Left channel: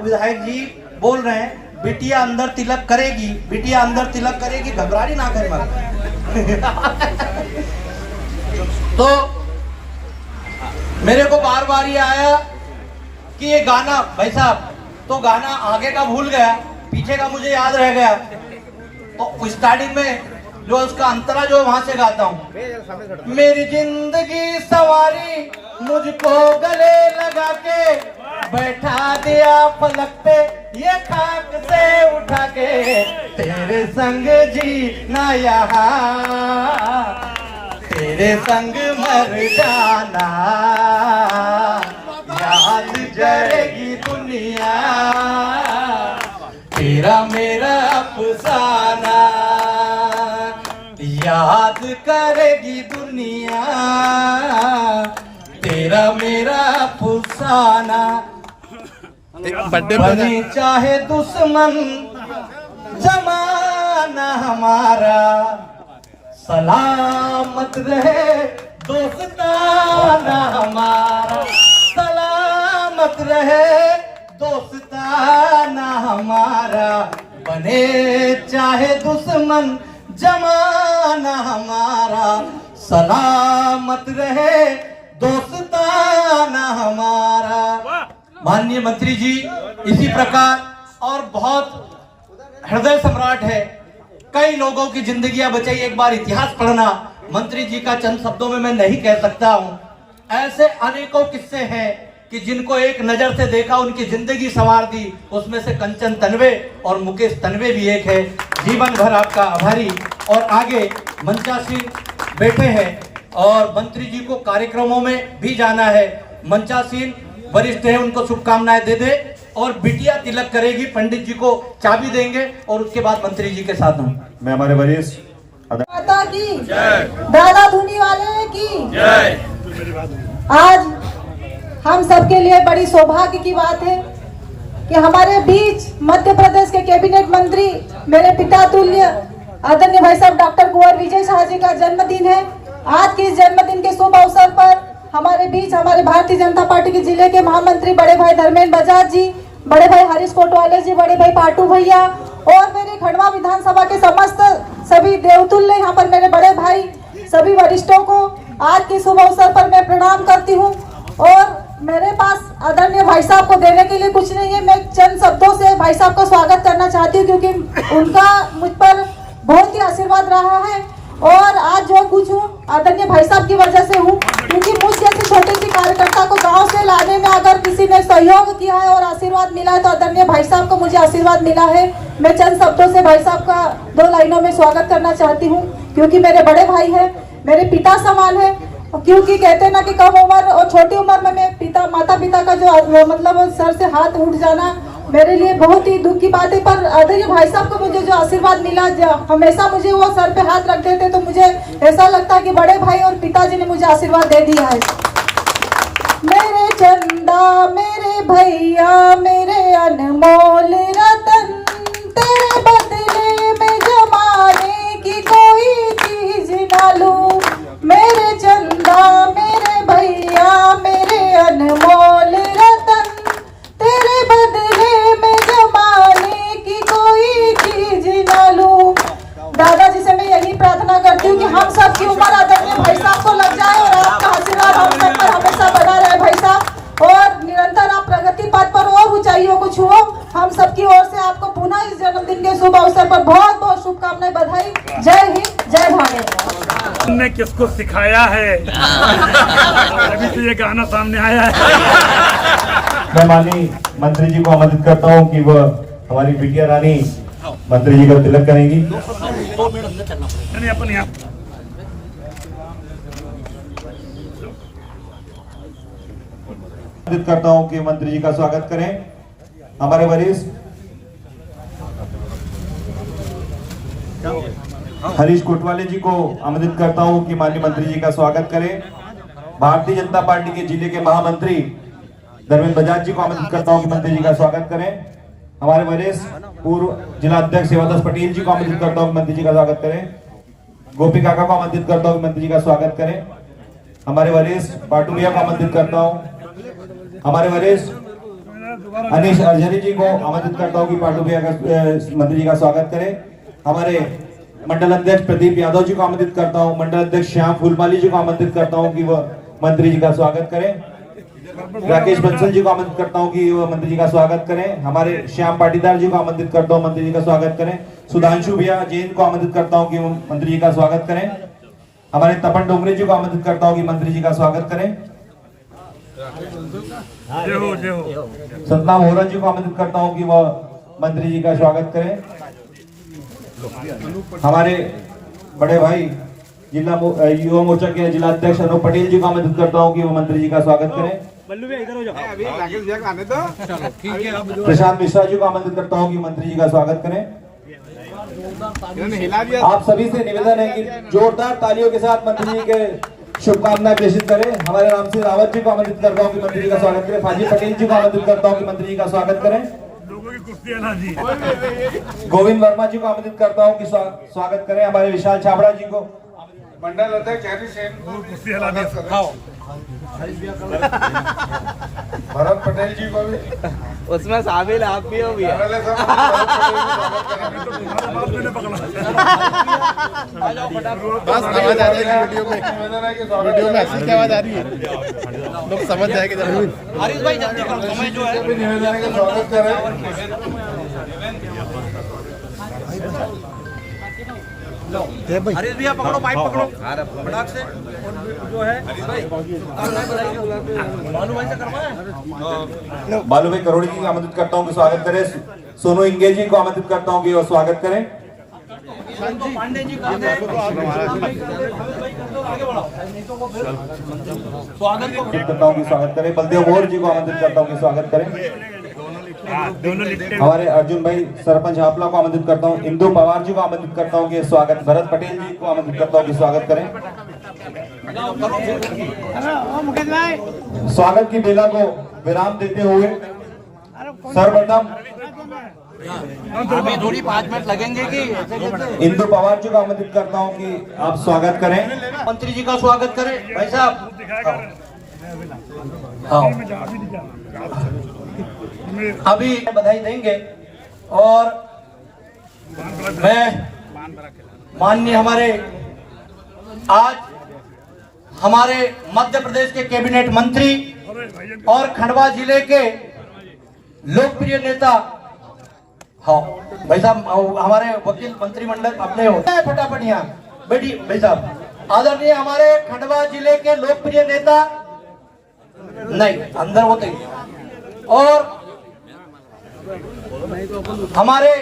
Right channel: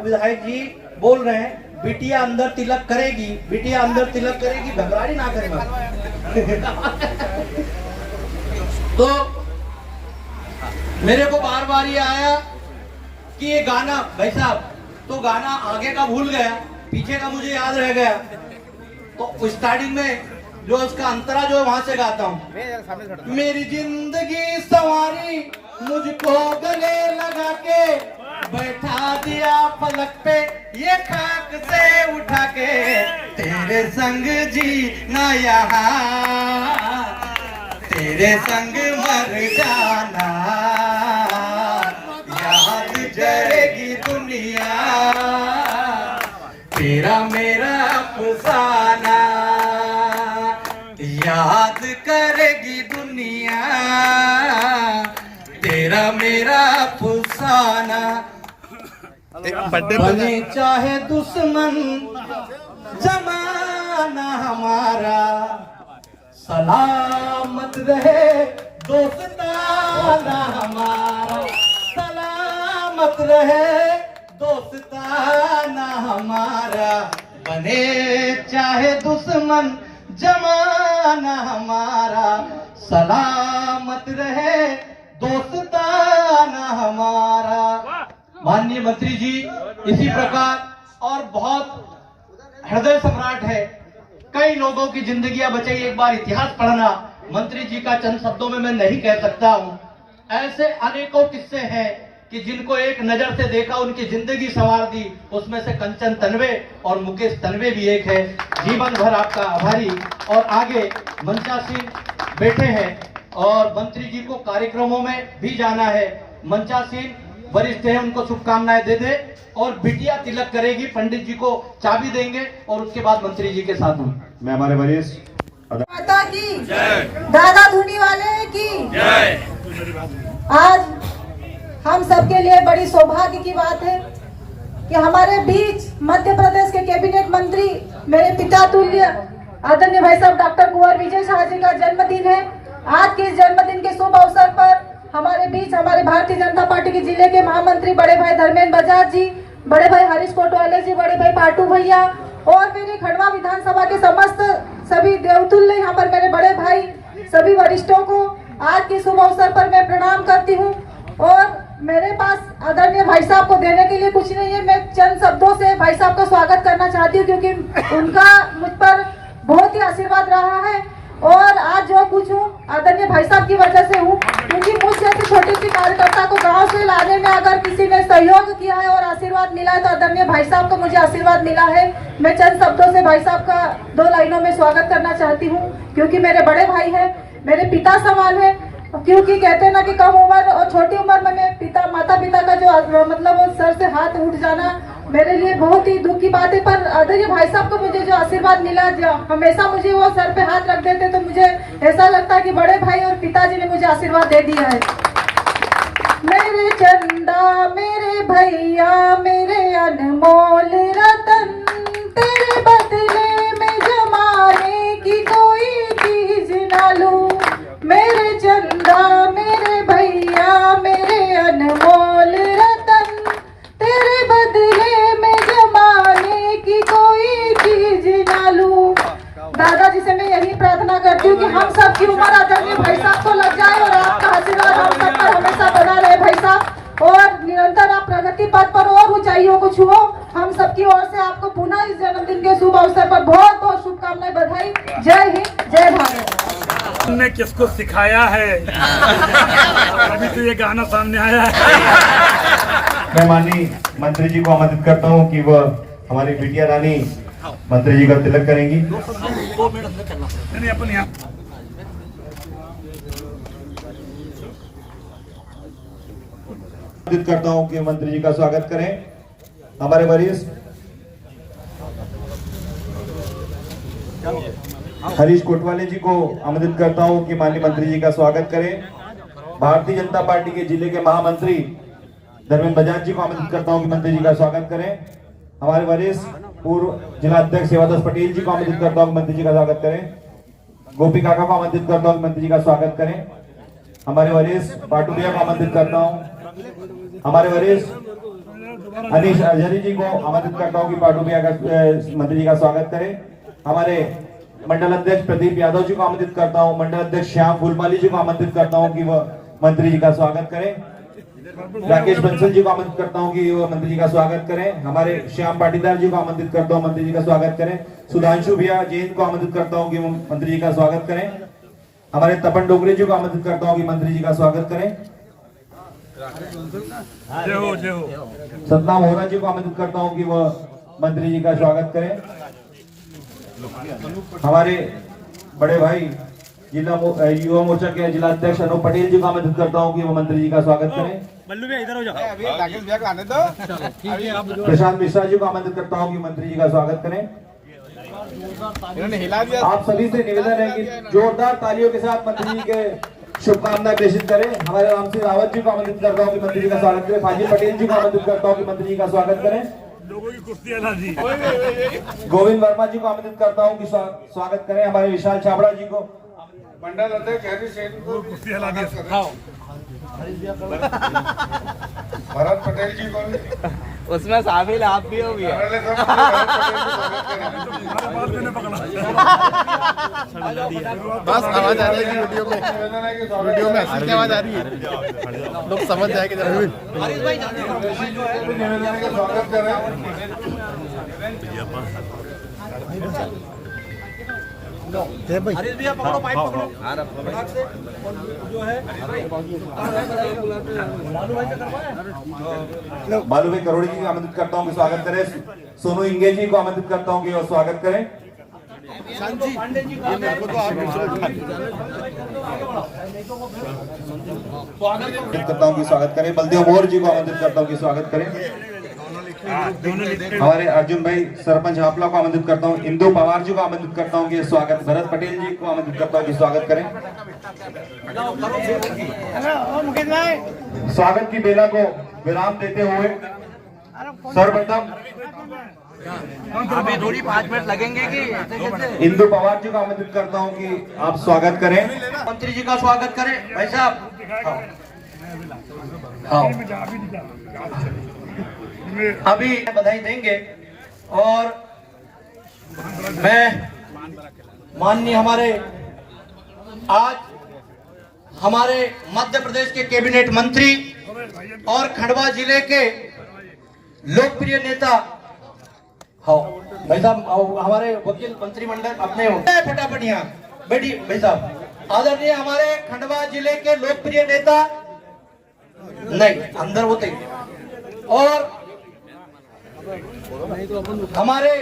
विधायक जी बोल रहे हैं बिटिया अंदर तिलक करेगी, बिटिया अंदर तिलक करेगी, घबराहट ना करे तो मेरे को बार बार ये आया कि ये गाना, भाई साहब तो गाना आगे का भूल गया, पीछे का मुझे याद रह गया। तो स्टार्टिंग में जो उसका अंतरा जो वहां से गाता हूँ, मेरी जिंदगी सवारी मुझको गले लगा के बैठा दिया पलक पे ये खाक से उठा के, तेरे संग जीना यहाँ तेरे संग मर जाना, याद करेगी दुनिया तेरा मेरा अफसाना, याद करेगी दुनिया तेरा मेरा अफसाना। बने चाहे दुश्मन जमाना हमारा, सलामत रहे दोस्ताना हमारा, सलामत रहे दोस्ताना हमारा। बने चाहे दुश्मन जमाना हमारा, सलामत रहे दोस्ताना हमारा। माननीय मंत्री जी इसी प्रकार और बहुत हृदय सम्राट है, कई लोगों की जिंदगियां बचाई। एक बार इतिहास पढ़ना, मंत्री जी का चंद शब्दों में मैं नहीं कह सकता हूं। ऐसे अनेकों किस्से हैं कि जिनको एक नजर से देखा उनकी जिंदगी संवार दी। उसमें से कंचन तन्वे और मुकेश तन्वे भी एक है। जीवन भर आपका आभारी। और आगे मंचासीन बैठे हैं और मंत्री जी को कार्यक्रमों में भी जाना है। मंचासीन वरिष्ठ हैं, उनको शुभकामनाएं दे दे और बिटिया तिलक करेगी, पंडित जी को चाबी देंगे और उसके बाद मंत्री जी के साथ हूँ मैं हमारे वरिष्ठ माता की जय, दादा धुनी वाले की जय। आज हम सबके लिए बड़ी सौभाग्य की बात है कि हमारे बीच मध्य प्रदेश के कैबिनेट मंत्री, मेरे पिता तुल्य आदरणीय भाई साहब डॉक्टर कुंवर विजय शाह जी का जन्मदिन है। आज के इस जन्मदिन के शुभ अवसर पर हमारे बीच हमारे भारतीय जनता पार्टी के जिले के महामंत्री बड़े भाई धर्मेंद्र बजाज जी, बड़े भाई हरीश कोटवाले जी, बड़े भाई पाटू भैया और मेरे खंडवा विधानसभा के समस्त सभी देवतुल्य यहाँ पर मेरे बड़े भाई, सभी वरिष्ठों को आज के शुभ अवसर पर मैं प्रणाम करती हूँ। और मेरे पास आदरणीय भाई साहब को देने के लिए कुछ नहीं है, मैं चंद शब्दों से भाई साहब को स्वागत करना चाहती हूँ क्योंकि उनका मुझ पर बहुत ही आशीर्वाद रहा है। और आज जो कुछ हूँ आदरणीय भाई साहब की वजह से हूँ, क्योंकि मुझ जैसे छोटे सी कार्यकर्ता को गांव से लाने में अगर किसी ने सहयोग किया है और आशीर्वाद मिला है तो आदरणीय भाई साहब को मुझे आशीर्वाद मिला है। मैं चंद शब्दों से भाई साहब का 2 लाइनों में स्वागत करना चाहती हूँ क्योंकि मेरे बड़े भाई है, मेरे पिता समान है। क्योंकि कहते हैं ना कि कम उम्र और छोटी उम्र में मैं माता पिता का जो मतलब सर से हाथ उठ जाना मेरे लिए बहुत ही दुख की बात है। पर आदरणीय भाई साहब को मुझे जो आशीर्वाद मिला, हमेशा मुझे वो सर पे हाथ रख देते तो मुझे ऐसा लगता है कि बड़े भाई और पिताजी ने मुझे आशीर्वाद दे दिया है। मेरे चंदा मेरे भैया मेरे अनमोल रतन, तेरे बदले में जमाने की कोई चीज ना लूं। मेरे चंदा मेरे भैया मेरे अनमोल रतन, तेरे बदले में जमाने की कोई चीज ना लूं। दादाजी से मैं यही प्रार्थना करती हूँ कि हम सब की उम्र आदरणीय भाई साहब को लग जाए और आपका आशीर्वाद हम सब पर हमेशा बना रहे भाई साहब, और निरंतर आप प्रगति पथ पर और ऊंचाइयों को छुओ। हम सबकी ओर से आपको पुनः इस जन्मदिन के शुभ अवसर पर बहुत बहुत शुभकामनाएं, बधाई। जय हिंद, जय भारत। ने किसको सिखाया है अभी तो ये गाना सामने आया है। मैं माननीय मंत्री जी को आमंत्रित करता हूं कि वह हमारी बिटिया रानी मंत्री जी का तिलक करेंगी। अपन यहाँ आमंत्रित करता हूं कि मंत्री जी का स्वागत करें। हमारे वरिष्ठ हरीश कोटवाले जी को आमंत्रित करता हूं कि माननीय मंत्री जी का स्वागत करें। भारतीय जनता पार्टी के जिले के महामंत्री धर्मेंद्र बजाज जी को आमंत्रित करता हूं कि मंत्री जी का स्वागत करें। हमारे वरिष्ठ पूर्व जिला अध्यक्ष सेवादास पटेल जी को आमंत्रित करता हूं कि मंत्री जी का स्वागत करें। गोपी काका को आमंत्रित करता हूं कि मंत्री जी का स्वागत करें। हमारे वरिष्ठ पाटू भैया को आमंत्रित करता हूं। हमारे वरिष्ठ अनिश अर्जरी जी को आमंत्रित करता हूँ कि पाटुबिया का मंत्री जी का स्वागत करें। हमारे मंडल अध्यक्ष प्रदीप यादव जी को आमंत्रित करता हूँ, मंडल अध्यक्ष श्याम फूलपाली जी को आमंत्रित करता हूँ कि वह मंत्री जी का स्वागत करें। राकेश बंसल जी को आमंत्रित करता हूँ कि वह मंत्री जी का स्वागत करें। हमारे श्याम पाटीदार जी को आमंत्रित करता हूँ, मंत्री जी का स्वागत करें। सुधांशु भैया जैन को आमंत्रित करता हूँ कि वो मंत्री जी का स्वागत करें। हमारे तपन डोंगरे जी को आमंत्रित करता हूँ कि मंत्री जी का स्वागत करें। जय हो जय हो। सतनाम होरा जी को आमंत्रित करता हूँ कि वह मंत्री जी का स्वागत करें। हमारे बड़े भाई जिला युवा मोर्चा के जिला अध्यक्ष अनूप पटेल जी को आमंत्रित करता हूँ कि वह मंत्री जी का स्वागत करें। प्रशांत मिश्रा जी को आमंत्रित करता हूँ कि मंत्री जी का स्वागत करें। आप सभी से निवेदन है कि जोरदार तालियों के साथ मंत्री जी के शुभकामनाएं प्रेषित करें। हमारे राम सिंह रावत जी को आमंत्रित करता हूँ कि मंत्री जी का स्वागत करें। फाजी पटेल जी को आमंत्रित करता हूँ कि मंत्री जी का स्वागत करें। लोगों की कुश्ती अला जी। गोविंद वर्मा जी को आमंत्रित करता हूँ कि स्वागत करें। हमारे विशाल छाबड़ा जी को, मंडल अध्यक्ष हरी सेन को कुश्ती अला जी। भरत पटेल जी को भी उसमें शामिल आप भी हो भैया। बस आवाज आ रही है वीडियो में, वीडियो में हंसी की आवाज आ रही है, लोग समझ जाएंगे जब निवेदन है कि स्वागत करें। बालू भाई करोड़ी जी को आमंत्रित करता हूँ कि स्वागत करें। सोनू इंगे जी को आमंत्रित करता हूँ कि वह स्वागत करें। करता हूँ कि स्वागत करें। बलदेव मोर जी को आमंत्रित करता हूँ कि स्वागत करें। हमारे अर्जुन भाई सरपंच हापला को आमंत्रित करता हूँ। इंदु पवार जी को आमंत्रित करता हूँ कि स्वागत। भरत पटेल जी को आमंत्रित करता हूँ कि स्वागत करें। स्वागत की बेला को विराम देते हुए सर्वप्रथम थोड़ी 5 मिनट लगेंगे कि इंदु पवार जी को आमंत्रित करता हूं कि आप स्वागत करें। मंत्री जी का स्वागत करें। भाई साहब अभी बधाई देंगे और मैं माननीय हमारे आज हमारे मध्य प्रदेश के कैबिनेट मंत्री और खंडवा जिले के लोकप्रिय नेता, हाँ भाई साहब हमारे वकील मंत्रिमंडल अपने हो फटाफट यहाँ बैठी। भाई साहब आदरणीय हमारे खंडवा जिले के लोकप्रिय नेता, नहीं अंदर होते ही, और हमारे